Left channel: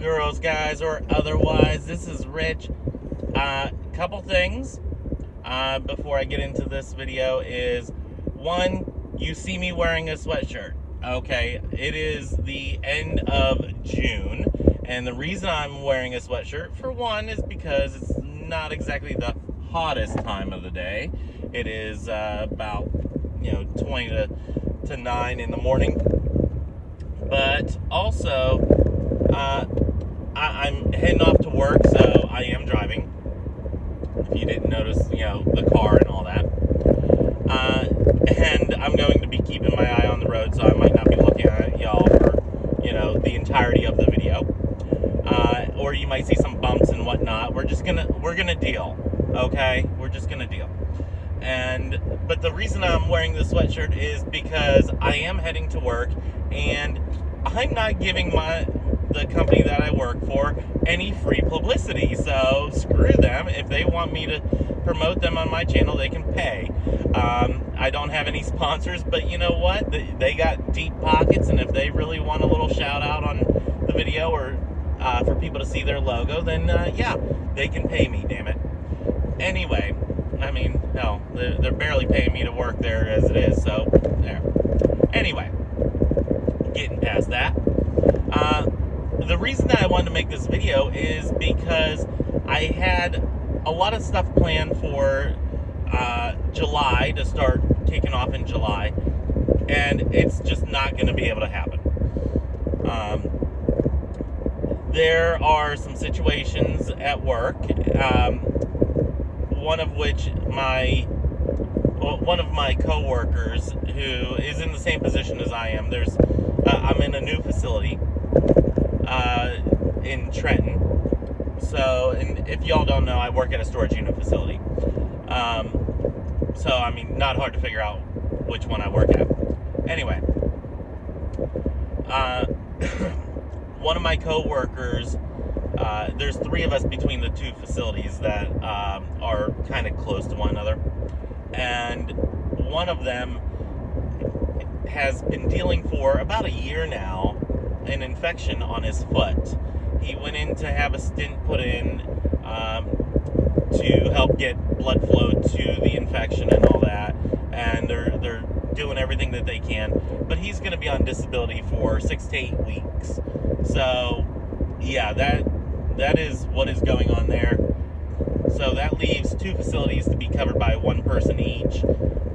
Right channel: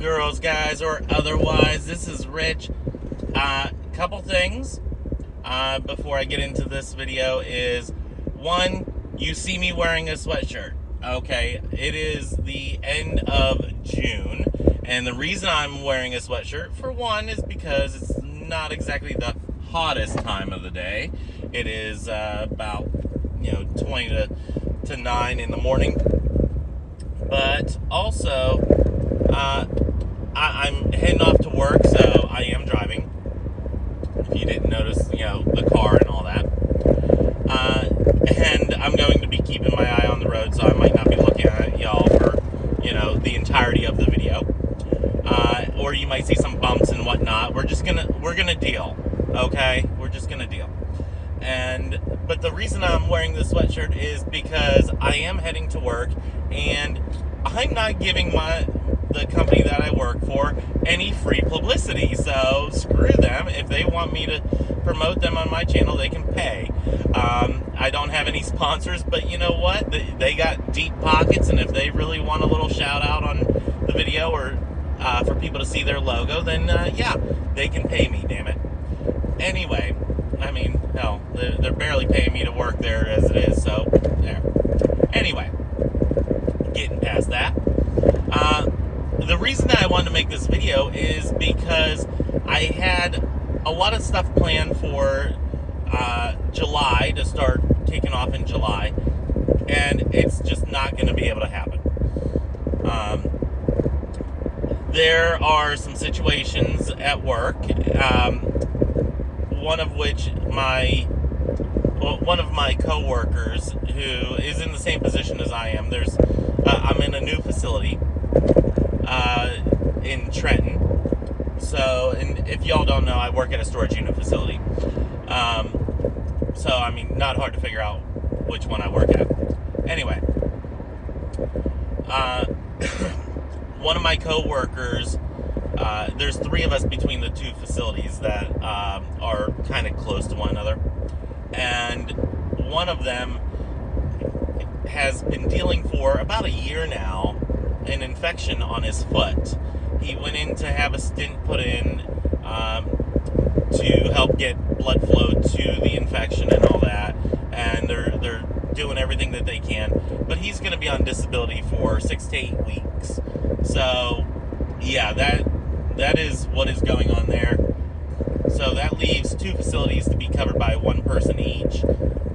girls, guys, or otherwise. This is Rich. Couple things before I get into this video is, one, you see me wearing a sweatshirt. Okay, it is the end of June, and the reason I'm wearing a sweatshirt, for one, is because it's not exactly the hottest time of the day. It is about 20 to 9 in the morning, but also I'm heading off to work, so I am driving. If you didn't notice, the car and all that. And I'm going to be keeping my eye on the road, so I might not be looking at y'all for, the entirety of the video. Or you might see some bumps and whatnot. We're gonna deal, okay? We're just gonna deal. But the reason I'm wearing this sweatshirt is because I am heading to work, and I'm not giving the company that I work for any free publicity. So screw them. If they want me to promote them on my channel, they can pay. I don't have any sponsors, but you know what? They got deep pockets, and if they really want a little shout out on the video or for people to see their logo, then yeah, they can pay me, damn it. Anyway, I mean, hell, they're barely paying me to work there as it is, so there. Anyway, getting past that. The reason that I wanted to make this video is because I had a lot of stuff planned for July, to start taking off in July, and it's just not going to be able to happen. There are some situations at work, one of which one of my co-workers, who is in the same position as I am, I'm in a new facility in Trenton. So, and if y'all don't know, I work at a storage unit facility. So, I mean, not hard to figure out which one I work at. Anyway, one of my co-workers, there's three of us between the two facilities that are kind of close to one another. And one of them has been dealing for about a year now an infection on his foot. He went in to have a stent put in to help get blood flow to the infection and all that, and they're doing everything that they can, but he's going to be on disability for 6 to 8 weeks. So yeah, that is what is going on there. So that leaves two facilities to be covered by one person each.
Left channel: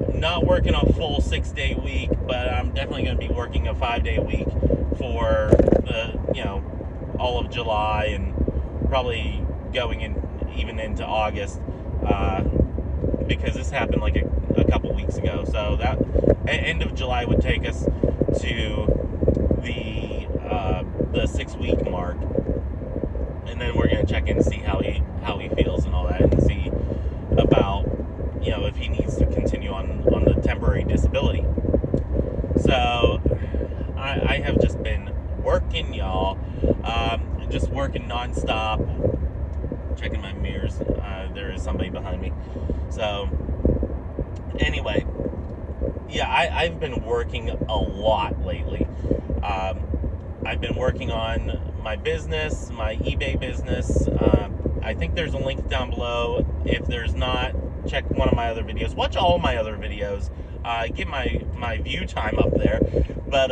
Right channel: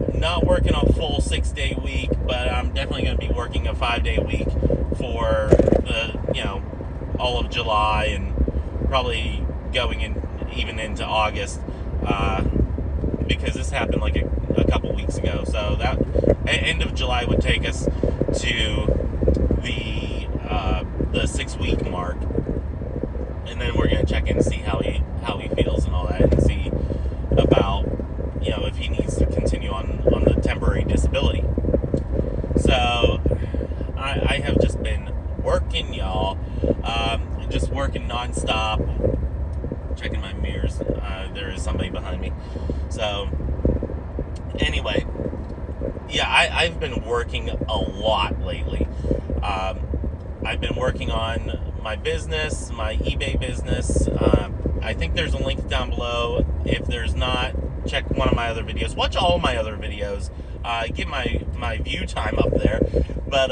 Not working a full 6-day week, but I'm definitely going to be working a 5-day week for all of July, and probably going in even into August, because this happened like a couple weeks ago. So that end of July would take us to the 6-week mark, and then we're going to check in and see how he feels and all that, and see about if he needs to continue on the temporary disability. So I have just been working, y'all. Just working nonstop. Checking my mirrors. There is somebody behind me. So anyway, yeah, I've been working a lot lately. I've been working on my business, my eBay business. I think there's a link down below. If there's not, check one of my other videos. Watch all my other videos. Get my view time up there. But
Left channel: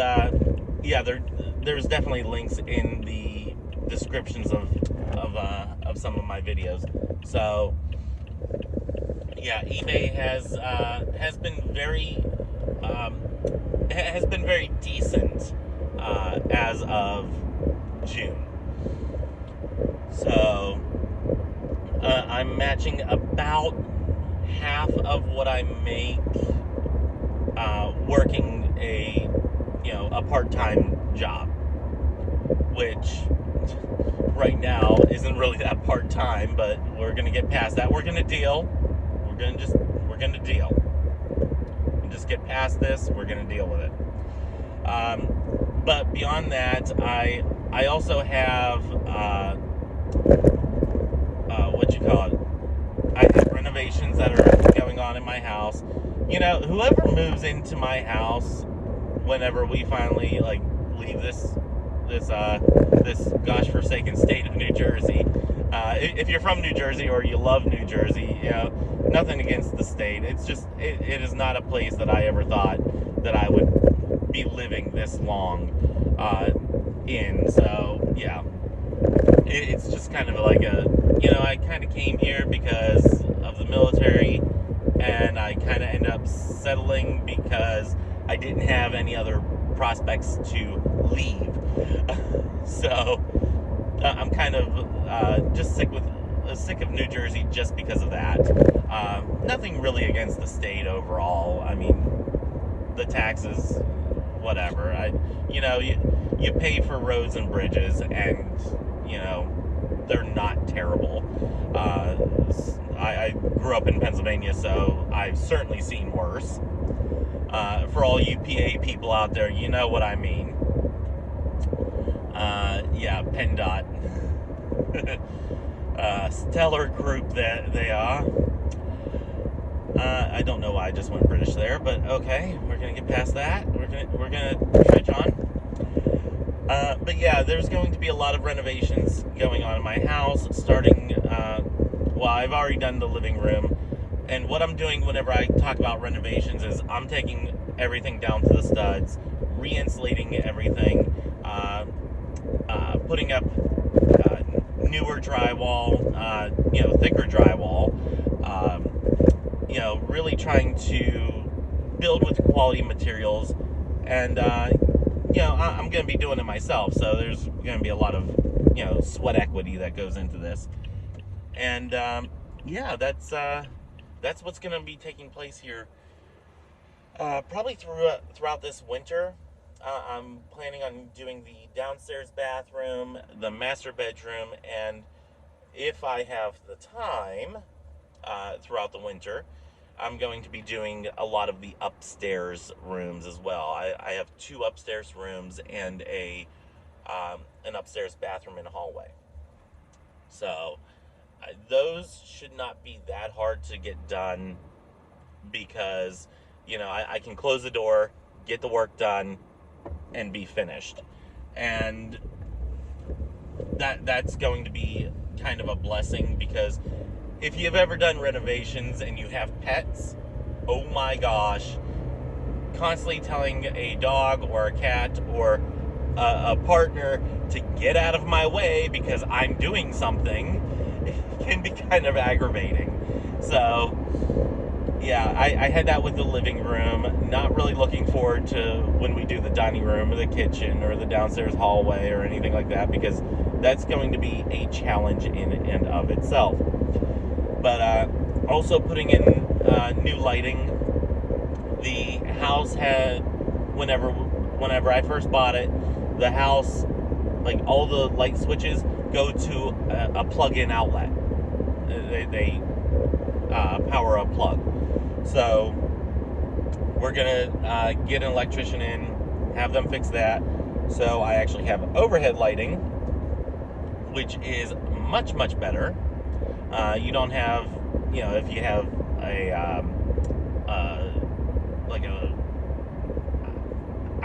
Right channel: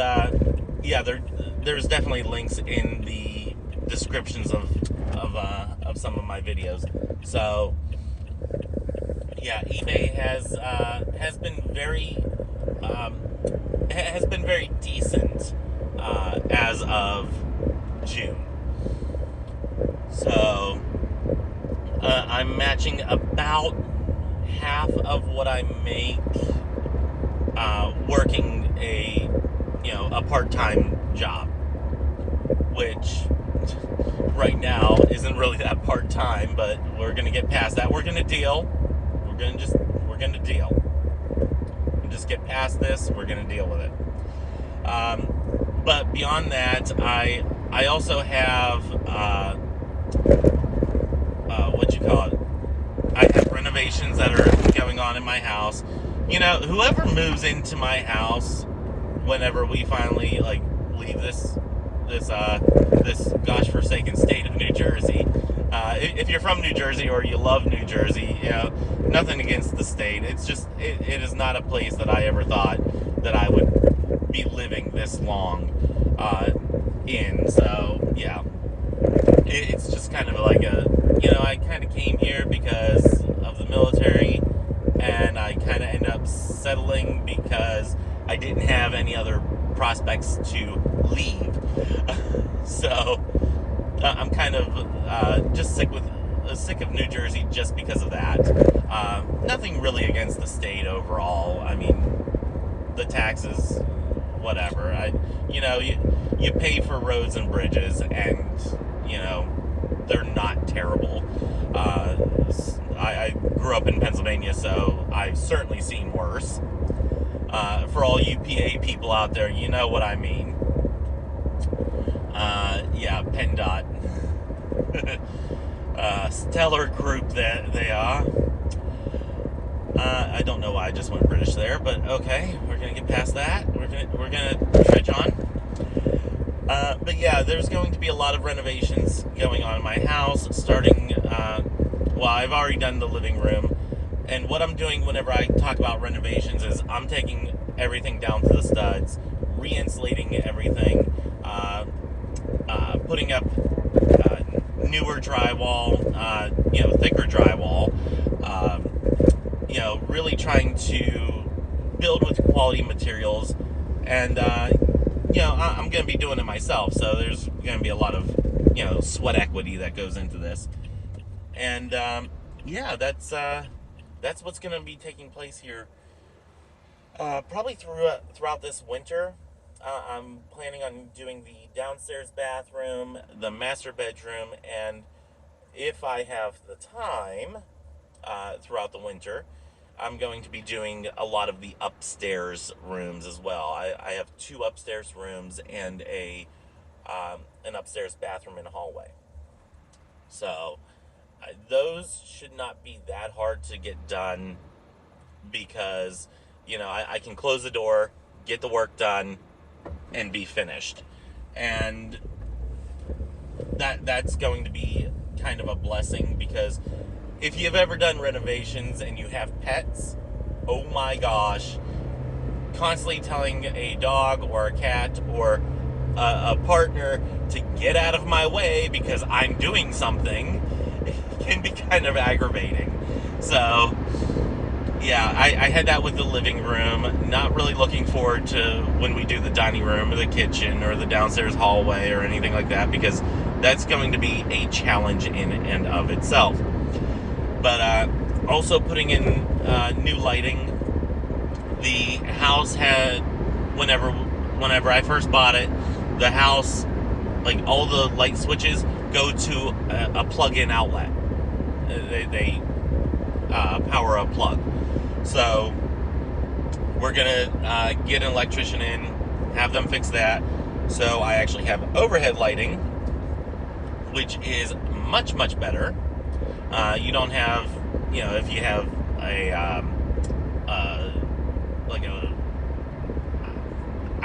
yeah, there's definitely links in the descriptions of some of my videos. So yeah, eBay has been very decent as of June. So I'm matching about half of what I make working a part-time job, which right now isn't really that part-time, but we're gonna get past that. We're gonna deal. We're gonna deal. And just get past this. We're gonna deal with it. But beyond that, I also have I have renovations that are going on in my house. Whoever moves into my house, whenever we finally leave this this gosh forsaken state of New Jersey. If you're from New Jersey or you love New Jersey, you know, nothing against the state. It's just it is not a place that I ever thought that I would be living this long in. So yeah, it's just kind of like I kind of came here because of the military, and I kind of ended up settling because I didn't have any other prospects to leave. So I'm kind of just sick of New Jersey just because of that. Nothing really against the state overall. I mean, the taxes, whatever. You pay for roads and bridges, and they're not terrible. I grew up in Pennsylvania, so I've certainly seen worse. For all you PA people out there, you know what I mean. Yeah, PennDOT. Stellar group that they are. I don't know why I just went British there, but okay, we're gonna get past that. We're gonna trudge on. But yeah, there's going to be a lot of renovations going on in my house, starting, well, I've already done the living room, and what I'm doing whenever I talk about renovations is I'm taking everything down to the studs, re-insulating everything, putting up newer drywall, thicker drywall, really trying to build with quality materials, and I'm going to be doing it myself, so there's going to be a lot of, sweat equity that goes into this. And, that's what's going to be taking place here. Probably throughout this winter. I'm planning on doing the downstairs bathroom, the master bedroom, and if I have the time, throughout the winter, I'm going to be doing a lot of the upstairs rooms as well. I have 2 upstairs rooms and an upstairs bathroom and a hallway. So those should not be that hard to get done because, I can close the door, get the work done, and be finished. And that's going to be kind of a blessing, because if you've ever done renovations and you have pets, oh my gosh, constantly telling a dog or a cat or a partner to get out of my way because I'm doing something can be kind of aggravating. So yeah, I had that with the living room. Not really looking forward to when we do the dining room or the kitchen or the downstairs hallway or anything like that, because that's going to be a challenge in and of itself. But also putting in new lighting. The house had, whenever I first bought it, the house, like all the light switches go to a plug-in outlet. They power a plug. So we're gonna get an electrician in, have them fix that. So I actually have overhead lighting, which is much, much better. You don't have, if you have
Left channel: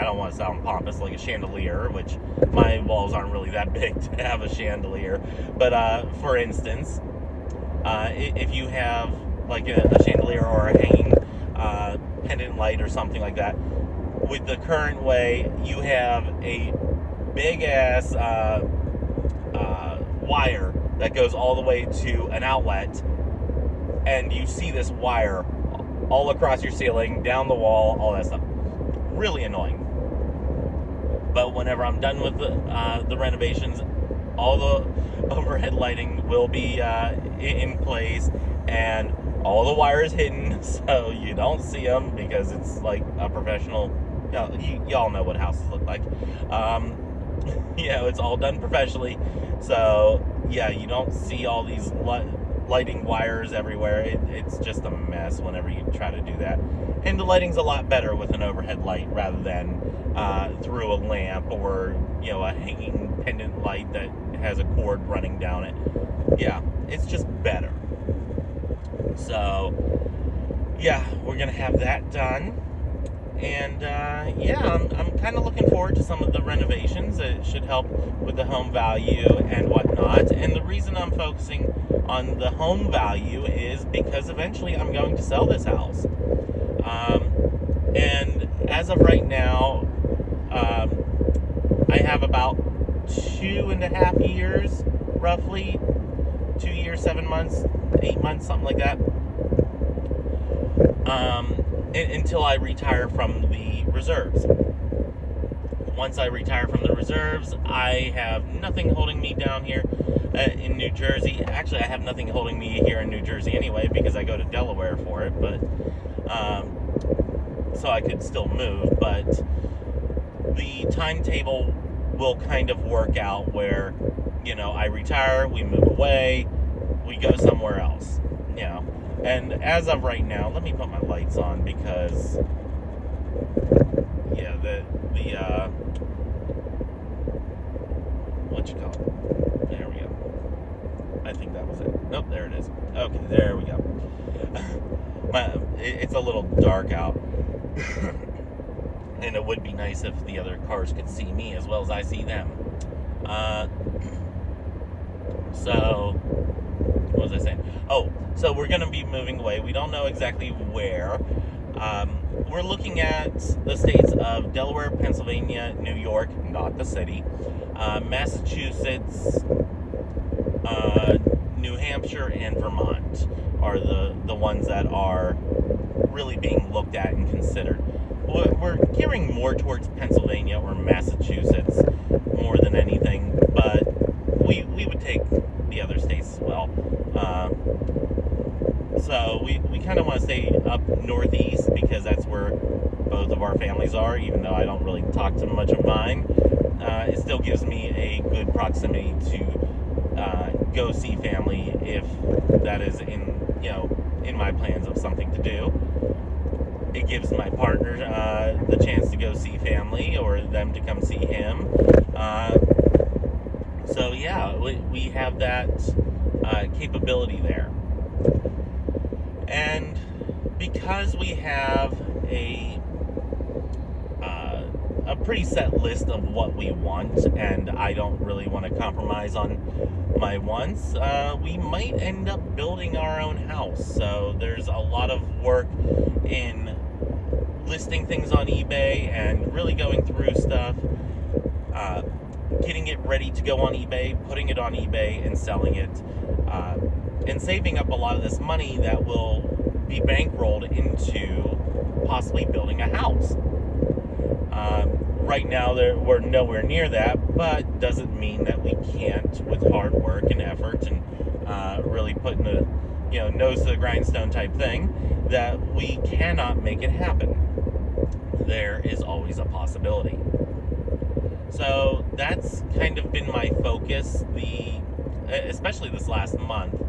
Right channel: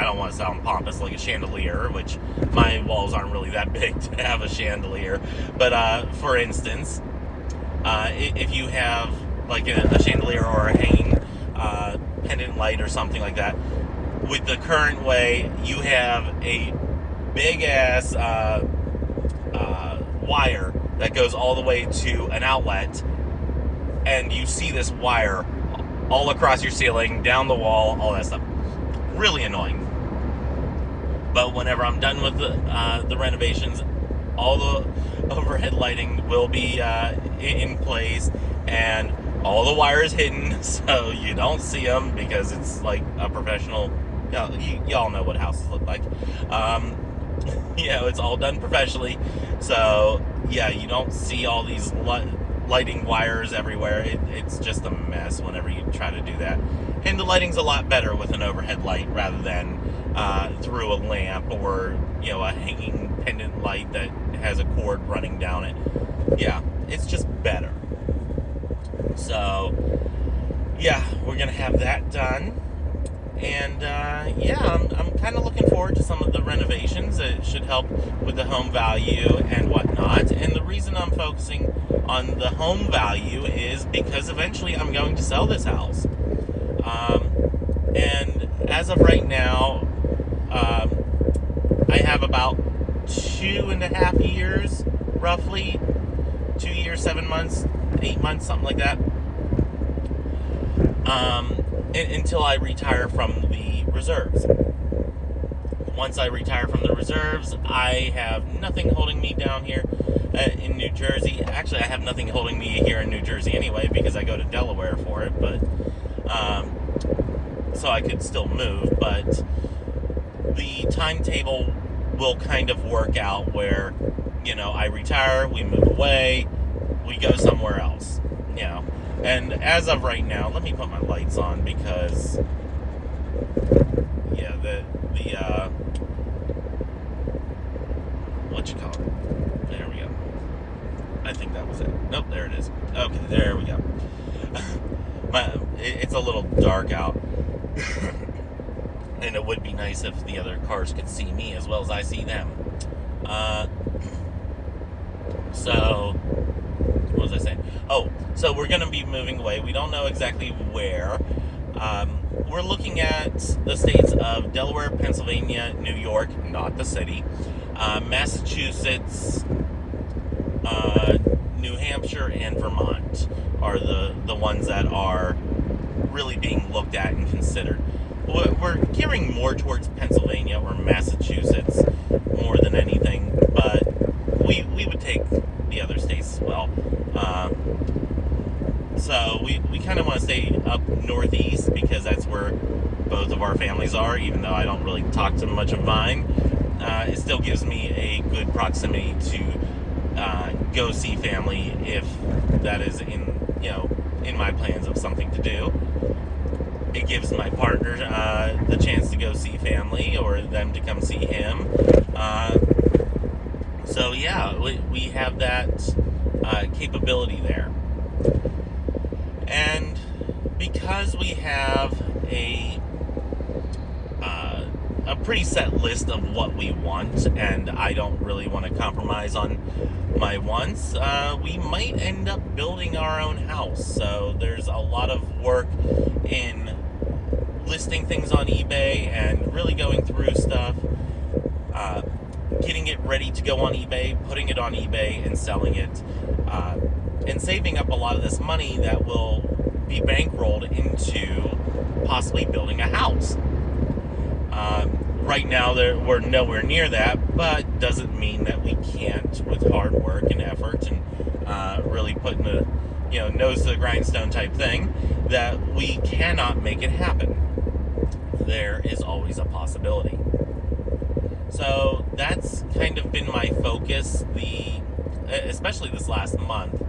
I don't want to sound pompous, like a chandelier, which my walls aren't really that big to have a chandelier. But for instance, if you have like a chandelier or a hanging pendant light or something like that, with the current way, you have a big ass wire that goes all the way to an outlet, and you see this wire all across your ceiling, down the wall, all that stuff. Really annoying. But whenever I'm done with the renovations, all the overhead lighting will be in place, and all the wires hidden, so you don't see them, because it's like a professional. Y'all know what houses look like. It's all done professionally. So yeah, you don't see all these lighting wires everywhere. It's just a mess whenever you try to do that. And the lighting's a lot better with an overhead light rather than through a lamp or a hanging pendant light that has a cord running down it. Yeah, it's just better. So yeah, we're gonna have that done, And yeah, I'm kind of looking forward to some of the renovations. It should help with the home value and whatnot. And the reason I'm focusing on the home value is because eventually I'm going to sell this house. And as of right now, I have about 2.5 years, roughly 2 years, 7 months, 8 months, something like that, until I retire from the reserves. Once I retire from the reserves, I have nothing holding me down here in New Jersey. Actually, I have nothing holding me here in New Jersey anyway, because I go to Delaware for it, but so I could still move, but the timetable will kind of work out where, I retire, we move away, we go somewhere else, And as of right now, let me put my lights on because, yeah, what you call it? There we go. I think that was it. Nope, there it is. Okay, there we go. It's a little dark out. And it would be nice if the other cars could see me as well as I see them. So, what was I saying? Oh, so we're going to be moving away. We don't know exactly where. We're looking at the states of Delaware, Pennsylvania, New York, not the city, Massachusetts, New Hampshire, and Vermont are the ones that are really being looked at and considered. We're gearing more towards Pennsylvania or Massachusetts more than anything, but we would take the other states as well. So we kind of want to stay up northeast because that's where both of our families are, even though I don't really talk to much of mine. It still gives me a good proximity to go see family if that is in my plans of something to do. It gives my partner the chance to go see family or them to come see him. So yeah, we have that capability there. And because we have a pretty set list of what we want, and I don't really want to compromise on my wants, we might end up building our own house. So there's a lot of work in listing things on eBay and really going through stuff, getting it ready to go on eBay, putting it on eBay and selling it, and saving up a lot of this money that will be bankrolled into possibly building a house. Right now, we're nowhere near that, but doesn't mean that we can't, with hard work and effort and really putting a nose to the grindstone type thing, that we cannot make it happen. There is always a possibility. So that's kind of been my focus, especially this last month.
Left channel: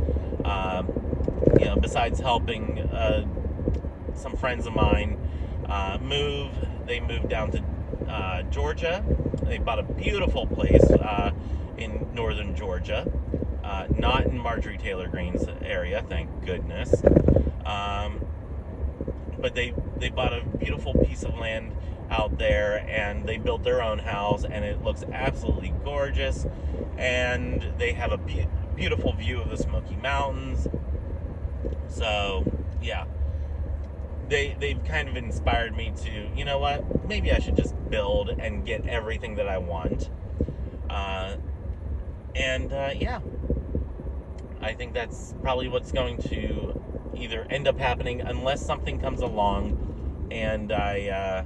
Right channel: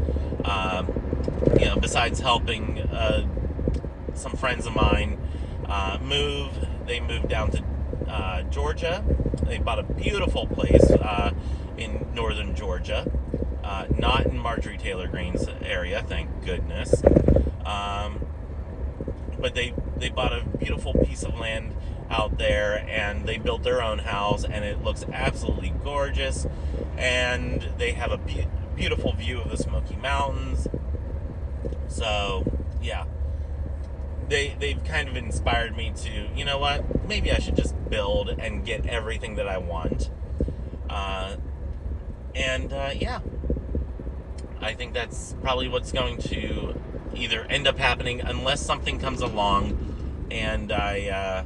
Besides helping some friends of mine move, they moved down to Georgia. They bought a beautiful place in northern Georgia, not in Marjorie Taylor Greene's area, thank goodness. But they bought a beautiful piece of land out there, and they built their own house, and it looks absolutely gorgeous. And they have a beautiful view of the Smoky Mountains. So yeah, they've kind of inspired me to, you know what, maybe I should just build and get everything that I want. Yeah, I think that's probably what's going to either end up happening unless something comes along and I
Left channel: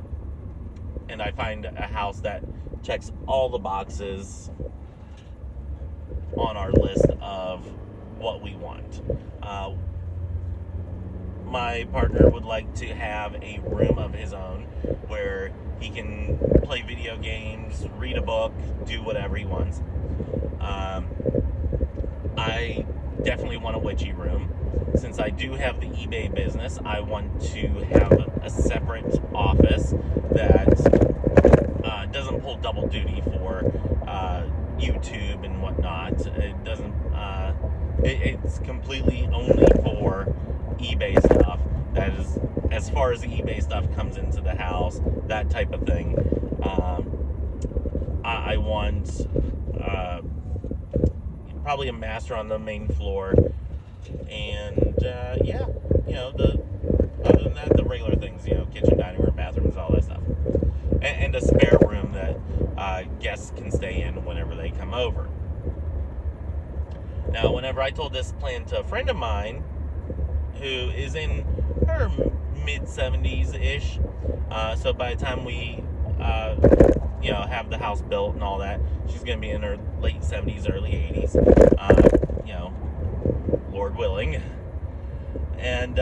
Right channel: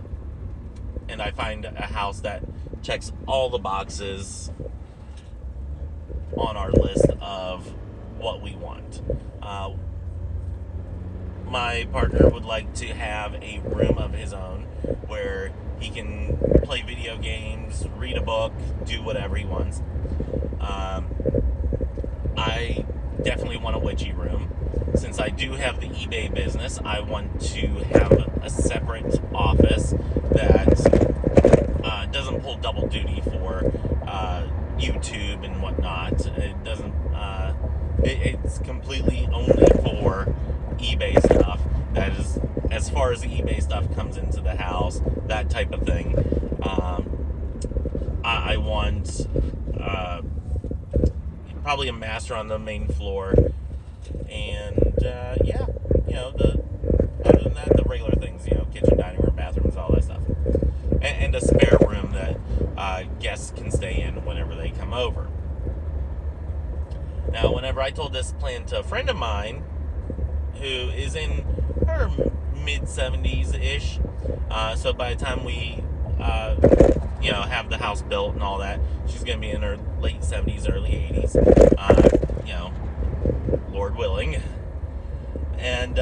find a house that checks all the boxes on our list of what we want. My partner would like to have a room of his own where he can play video games, read a book, do whatever he wants. I definitely want a witchy room. Since I do have the eBay business, I want to have a separate office that doesn't pull double duty for YouTube and whatnot. It doesn't. It's completely only for eBay stuff, That is as far as the eBay stuff comes into the house, that type of thing. I want probably a master on the main floor, and yeah, the other than that, the regular things, kitchen, dining room, bathrooms, all that stuff, and a spare room that guests can stay in whenever they come over. Now, whenever I told this plan to a friend of mine who is in her mid-70s ish, so by the time we have the house built and all that, she's going to be in her late 70s, early 80s, Lord willing. And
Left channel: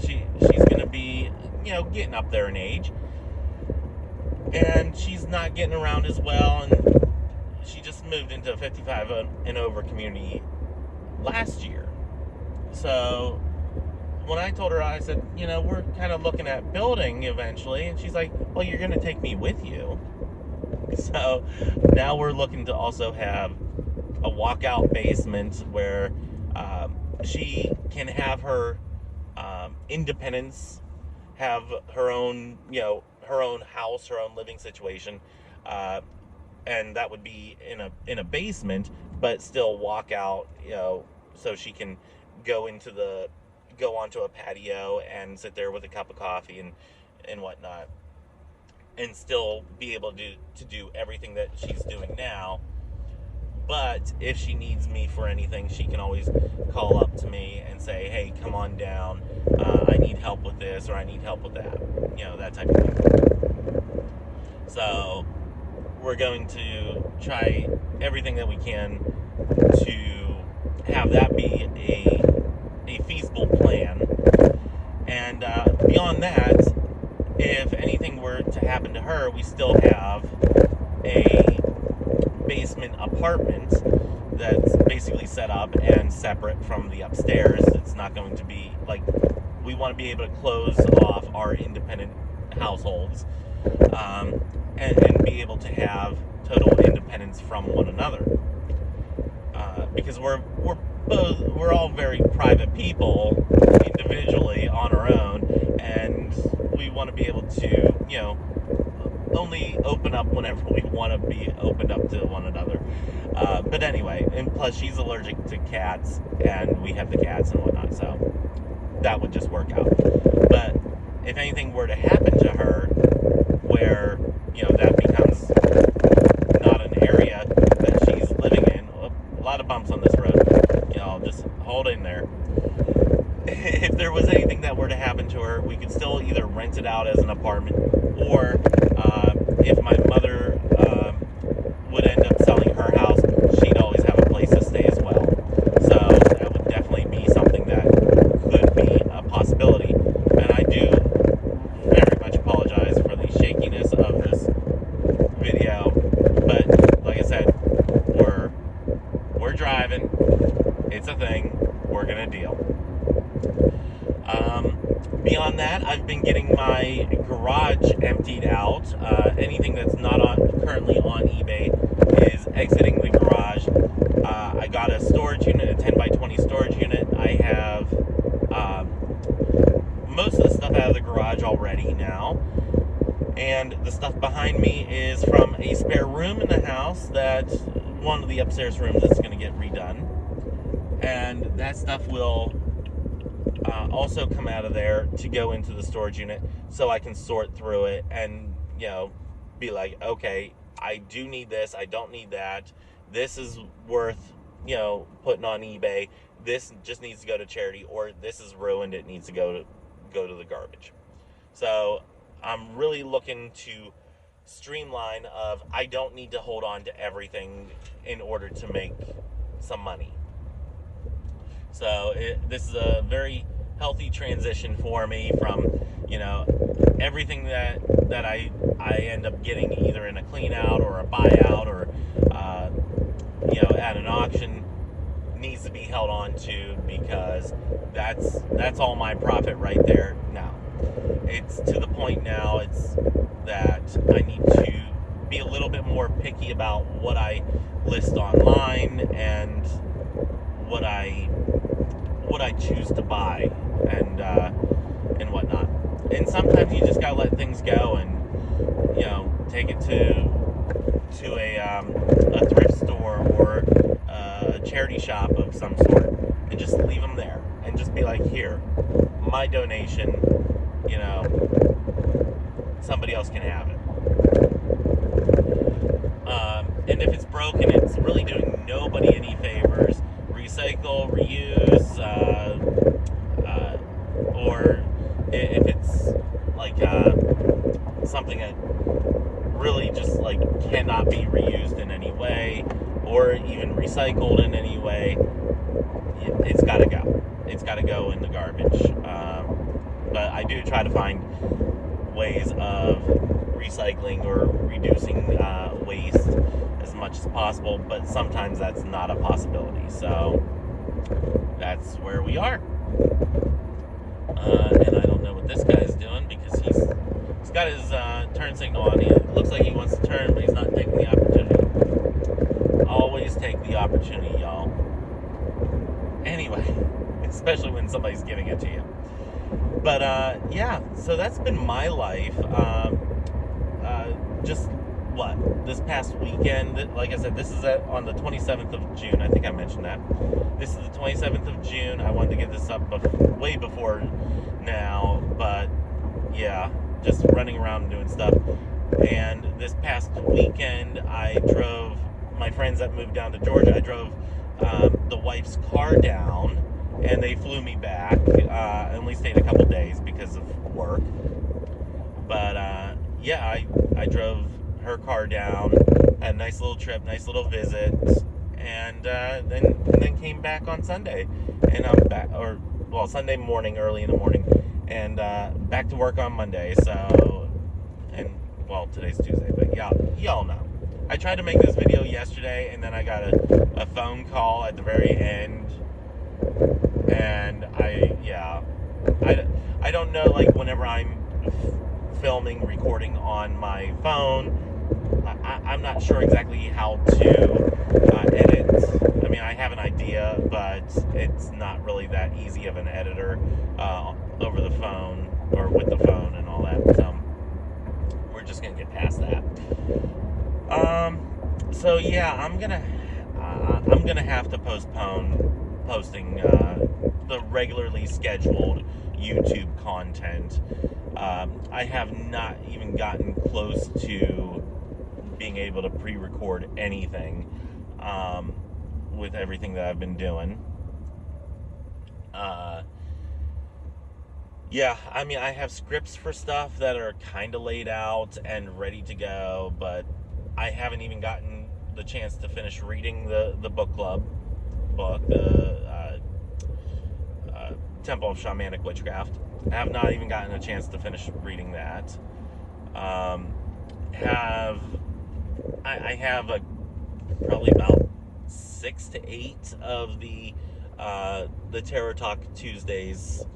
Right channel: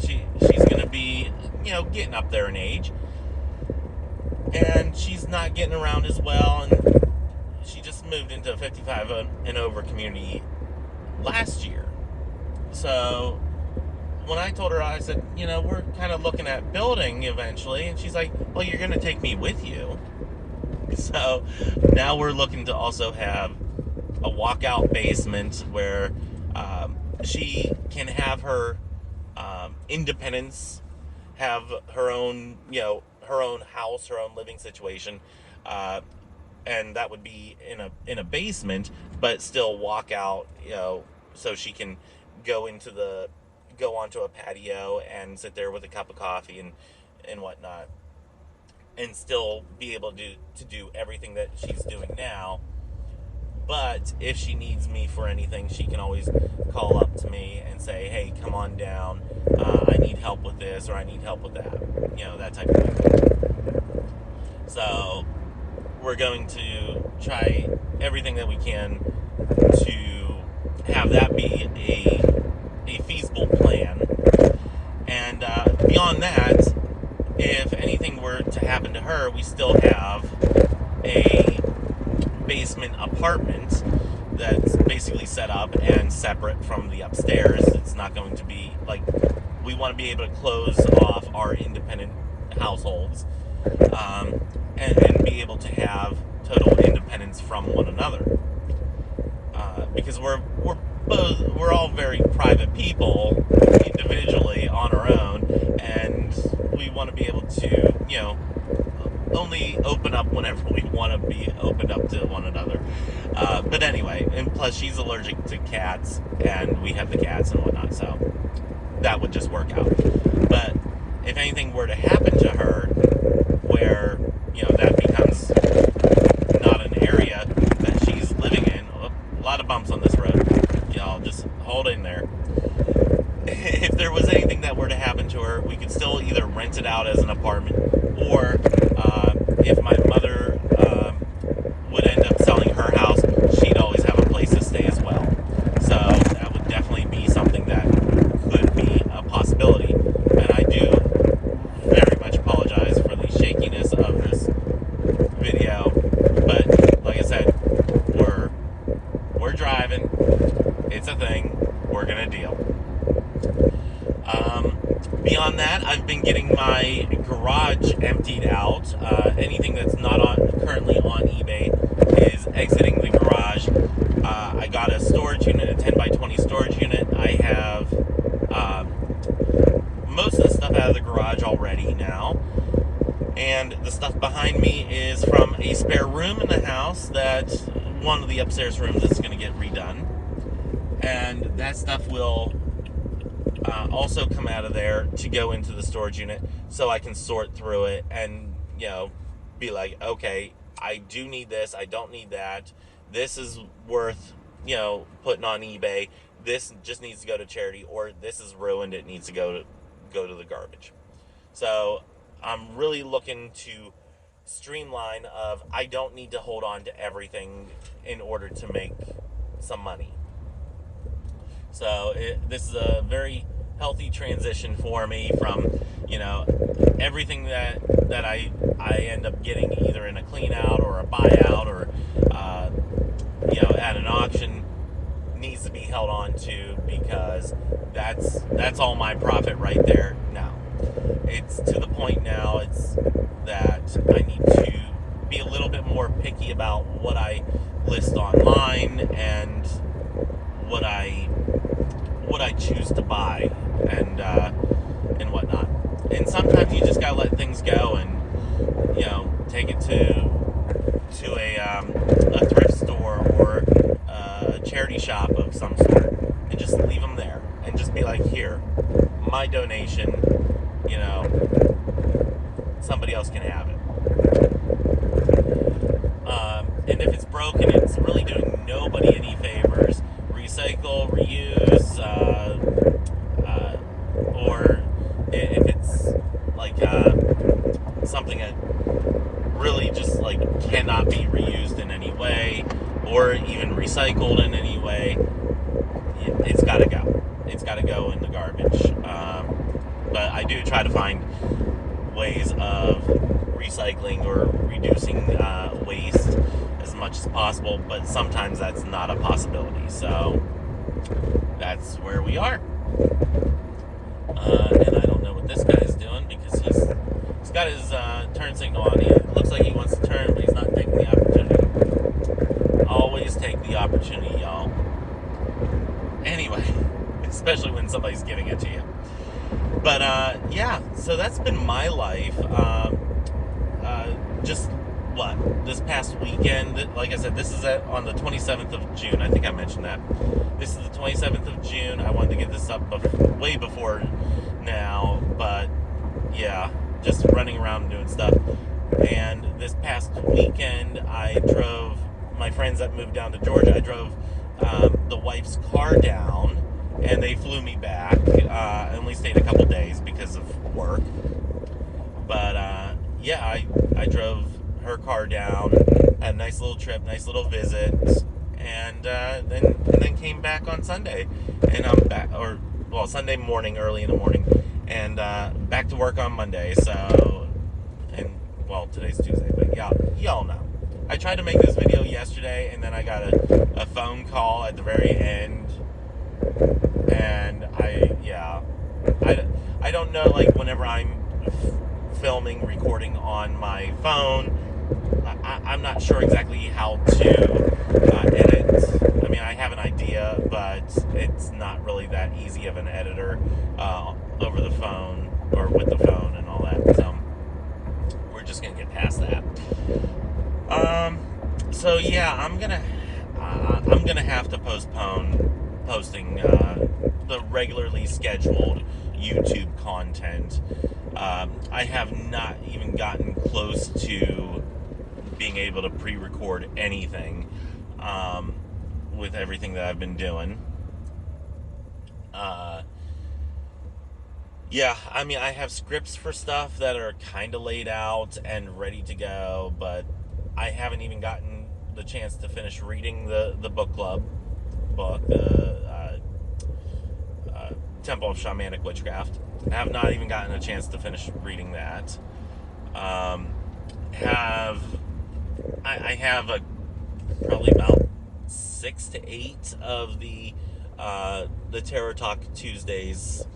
she's going to be getting up there in age, and she's not getting around as well, and she just moved into a 55 and over community last year. So when I told her, I said, we're kind of looking at building eventually, and she's like, well, you're going to take me with you. So now we're looking to also have a walkout basement where she can have her independence, have her own, her own house, her own living situation, and that would be in a basement, but still walk out, so she can go onto a patio and sit there with a cup of coffee and whatnot, and still be able to do everything that she's doing now. But if she needs me for anything, she can always call up to me and say, hey, come on down, I need help with this, or I need help with that, that type of thing. So we're going to try everything that we can to have that be a feasible plan. And beyond that, if anything were to happen to her, we still have a basement apartment that's basically set up and separate from the upstairs. It's not going to be like, we want to be able to close off our independent households, and be able to have total independence from one another, because we're all very private people individually on our own, and we want to be able to only open up whenever we want to be opened up to one another. But anyway, and plus she's allergic to cats, and we have the cats and whatnot, so that would just work out. But if anything were to happen to her, where that becomes not an area that she's living in, a lot of bumps on this road, just hold in there. If there was anything that were to happen to her, we could still either rent it out as an apartment, or if my mother would end up selling her house, she'd always have a place to stay as well. So that would definitely be something that could be a possibility. And I do very much apologize for the shakiness of this video, but like I said, we're driving. It's a thing. We're gonna deal. Beyond that, I've been getting my garage emptied out. Anything that's not currently on eBay is exiting the garage. I got a storage unit, a 10 by 20 storage unit. I have most of the stuff out of the garage already now. And the stuff behind me is from a spare room in the house that one of the upstairs rooms is going to get redone. And that stuff will also come out of there to go into the storage unit, so I can sort through it and be like, okay, I do need this, I don't need that, this is worth putting on eBay, this just needs to go to charity, or this is ruined, it needs to go to the garbage. So I'm really looking to streamline of, I don't need to hold on to everything in order to make some money. So this is a very healthy transition for me from, everything that I end up getting either in a clean out or a buyout or, at an auction needs to be held on to, because that's all my profit right there now. It's to the point now, it's that I need to be a little bit more picky about what I list online and what I choose to buy. and whatnot. And sometimes you just gotta let things go and take it to a thrift store or a charity shop of some sort and just leave them there and just be like, here, my donation. Somebody else can have it. And if it's broken, it's really doing nobody any favors. Recycle, reuse, or if it's like something that really just like cannot be reused in any way, or even recycled in any way, it's got to go. It's got to go in the garbage. But I do try to find ways of recycling or reducing waste as much as possible, but sometimes that's not a possibility. So that's where we are. And I don't know what this guy's doing because he's got his turn signal on. It looks like he wants to turn, but he's not taking the opportunity. Always take the opportunity, y'all. Anyway, especially when somebody's giving it to you. But yeah, so that's been my life. Just this past weekend, like I said, this is on the 27th of June. I think I mentioned that. This is the 27th of June. I wanted to get this up way before now, but yeah, just running around and doing stuff. And this past weekend, I drove my friends that moved down to Georgia. I drove the wife's car down, and they flew me back. I only stayed a couple days because of work. But yeah, I drove her car down, had a nice little trip, nice little visit, and then came back on Sunday. And I'm back, Sunday morning, early in the morning, and back to work on Monday. So, today's Tuesday, but y'all know. I tried to make this video yesterday, and then I got a phone call at the very end, and I don't know, like, whenever I'm filming, recording on my phone, I'm not sure exactly how to edit. I mean, I have an idea, but it's not really that easy of an editor over the phone or with the phone and all that. So we're just gonna get past that. So yeah, I'm gonna have to postpone posting the regularly scheduled YouTube content. I have not even gotten close to being able to pre-record anything with everything that I've been doing. Yeah, I mean, I have scripts for stuff that are kind of laid out and ready to go, but I haven't even gotten the chance to finish reading the book club book, the Temple of Shamanic Witchcraft. I have not even gotten a chance to finish reading that. I have probably about 6 to 8 of the Tarot Talk Tuesdays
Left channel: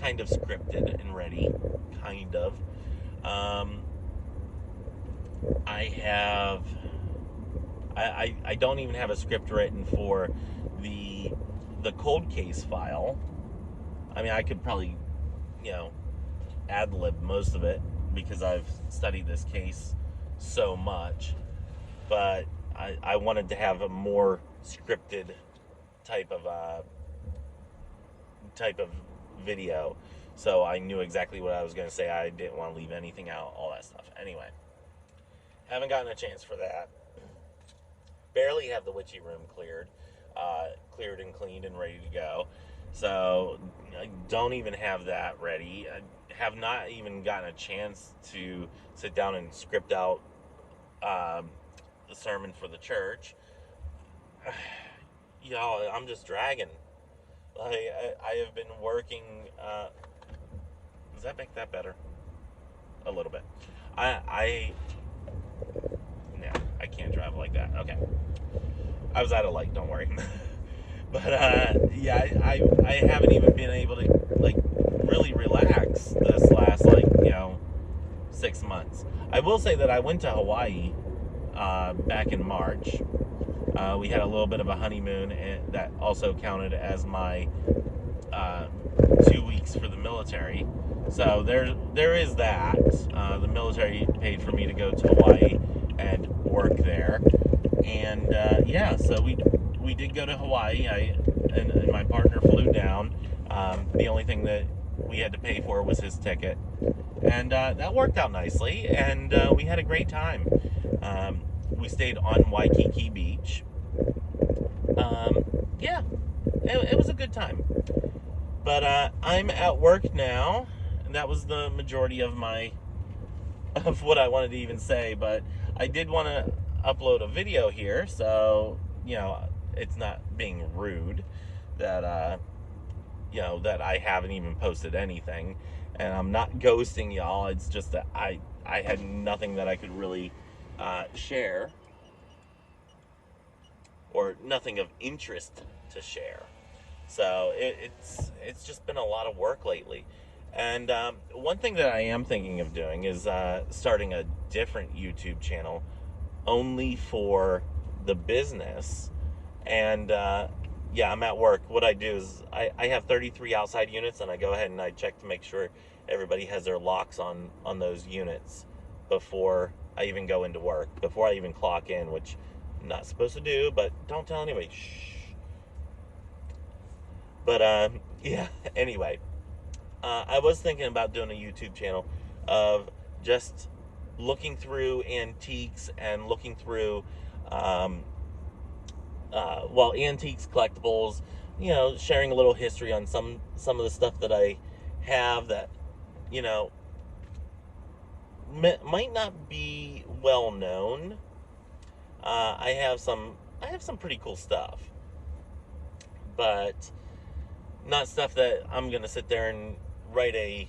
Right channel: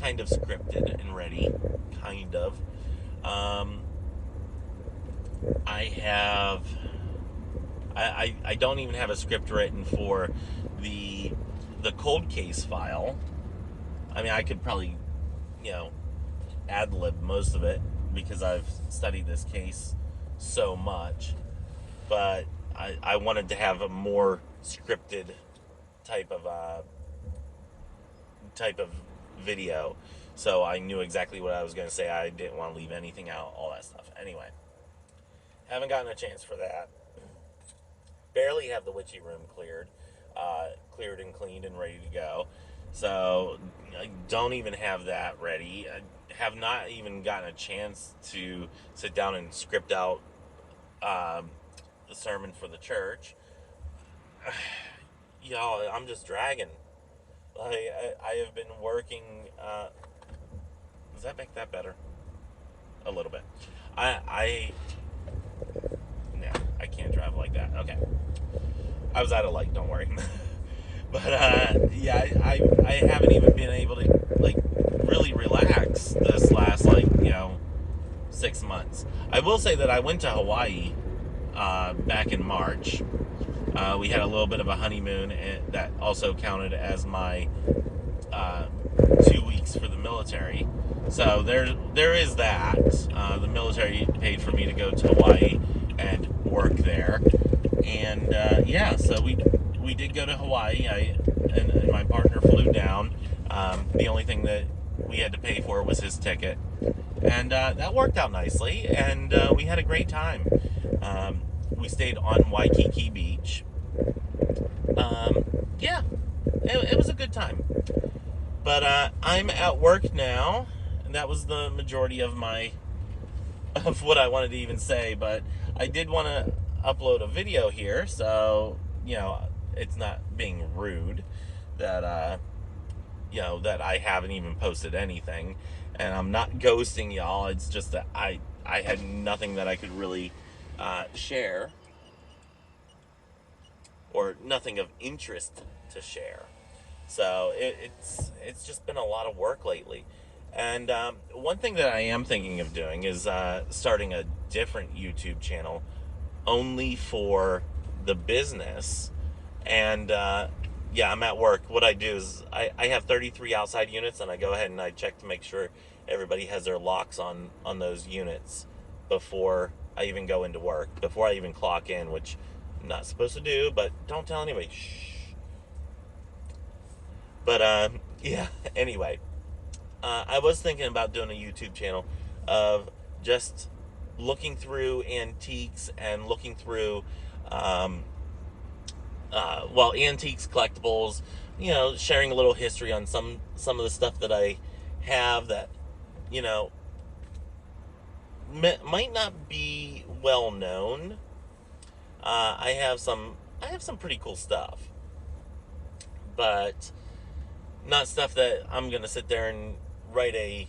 kind of scripted and ready, kind of. I don't even have a script written for the cold case file. I mean, I could probably, ad-lib most of it because I've studied this case so much, but I wanted to have a more scripted type of video, so I knew exactly what I was going to say. I didn't want to leave anything out, all that stuff. Anyway, haven't gotten a chance for that. Barely have the witchy room cleared and cleaned and ready to go. So I don't even have that ready. I have not even gotten a chance to sit down and script out the sermon for the church. Y'all, I'm just dragging. I have been working. Does that make that better? A little bit. I can't drive like that. Okay. I was out of light, don't worry. But yeah, I haven't even been able to really relax this last 6 months. I will say that I went to Hawaii back in March. We had a little bit of a honeymoon, and that also counted as my uh, 2 weeks for the military. So there is that. The military paid for me to go to Hawaii and work there, and yeah, so we did go to Hawaii. And my partner flew down. The only thing that we had to pay for was his ticket, and that worked out nicely. And we had a great time. We stayed on Waikiki Beach. Yeah, it was a good time. But I'm at work now. And that was the majority of what I wanted to even say. But I did want to upload a video here, so it's not being rude that that I haven't even posted anything, and I'm not ghosting y'all. It's just that I had nothing that I could really share, or nothing of interest to share. So it's just been a lot of work lately. And one thing that I am thinking of doing is starting a different YouTube channel only for the business. And yeah, I'm at work. What I do is I have 33 outside units, and I go ahead and I check to make sure everybody has their locks on those units before I even go into work, before I even clock in, which I'm not supposed to do, but don't tell anybody. Shh. But yeah, anyway, I was thinking about doing a YouTube channel of just looking through antiques and looking through antiques, collectibles, sharing a little history on some of the stuff that I have that might not be well known. I have some pretty cool stuff, but not stuff that I'm gonna sit there and write a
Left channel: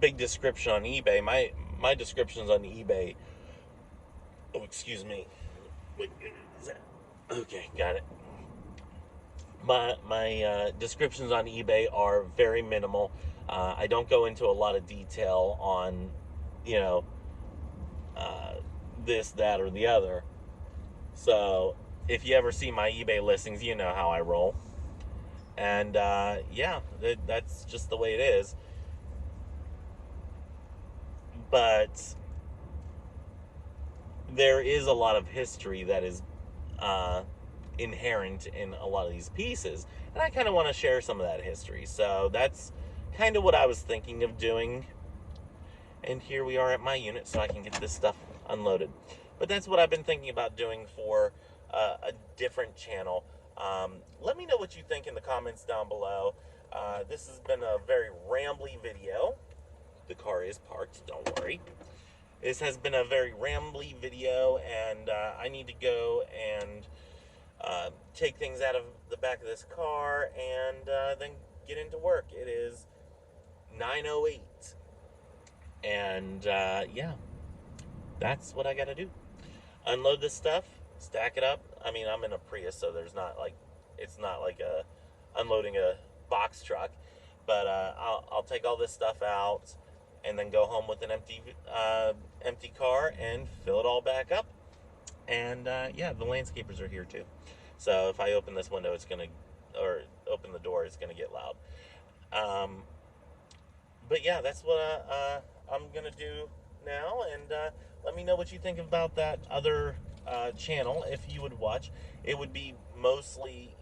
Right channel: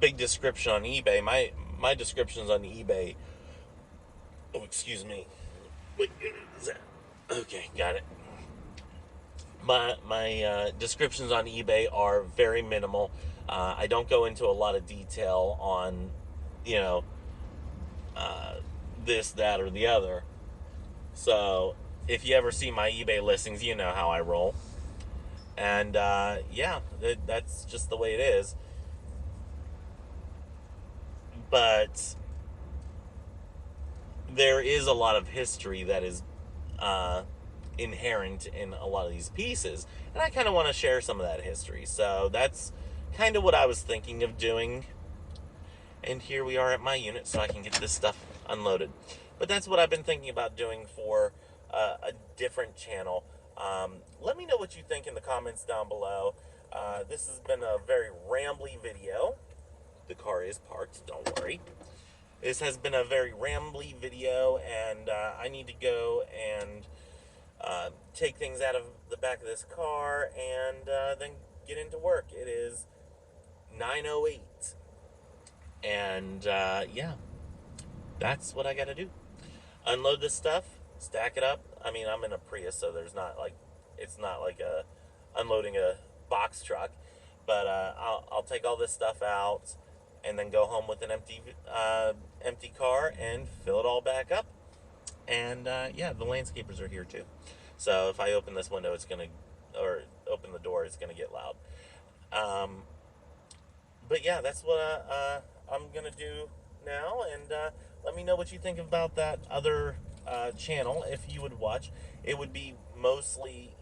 big description on eBay. My descriptions on eBay. Oh, excuse me. What is that? Okay, got it. My descriptions on eBay are very minimal. I don't go into a lot of detail on, this, that, or the other. So if you ever see my eBay listings, you know how I roll. And yeah, that's just the way it is. But there is a lot of history that is inherent in a lot of these pieces, and I kind of want to share some of that history. So that's kind of what I was thinking of doing. And here we are at my unit, so I can get this stuff unloaded. But that's what I've been thinking about doing for a different channel. Let me know what you think in the comments down below. This has been a very rambly video. The car is parked, don't worry. This has been a very rambly video, and I need to go and take things out of the back of this car and then get into work. It is 9:08. And yeah, that's what I gotta do. Unload this stuff, stack it up. I mean, I'm in a Prius, so it's not like unloading a box truck. But I'll take all this stuff out and then go home with an empty car and fill it all back up. And yeah, the landscapers are here too. So if I open this window, or open the door, it's gonna get loud. But yeah, that's what I'm gonna do now, and let me know what you think about that other channel. If you would watch, it would be mostly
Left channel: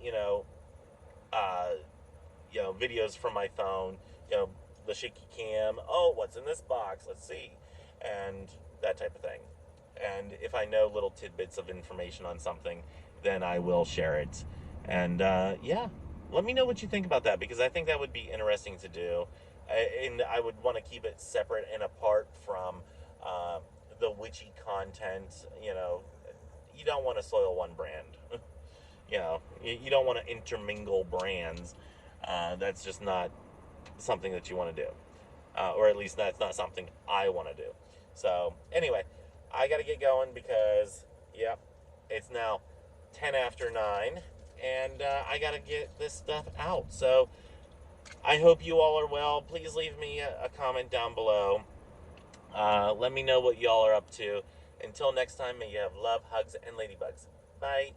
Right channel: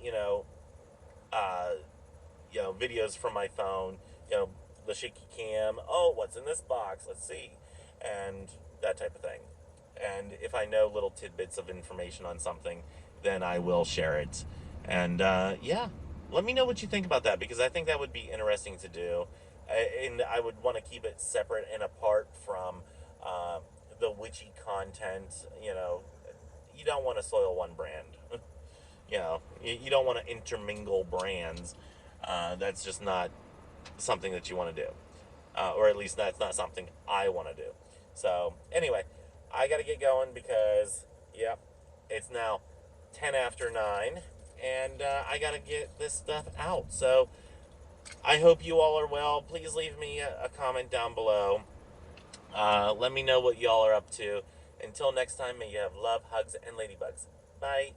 videos from my phone, the shaky cam. Oh, what's in this box? Let's see, and that type of thing. And if I know little tidbits of information on something, then I will share it. And yeah, let me know what you think about that, because I think that would be interesting to do. And I would want to keep it separate and apart from the witchy content. You don't want to soil one brand. You don't want to intermingle brands. That's just not something that you want to do. Or at least that's not something I want to do. So anyway, I got to get going because, yeah, it's now 10 after 9. And I got to get this stuff out. So I hope you all are well. Please leave me a comment down below. Let me know what y'all are up to. Until next time, may you have love, hugs, and ladybugs. Bye.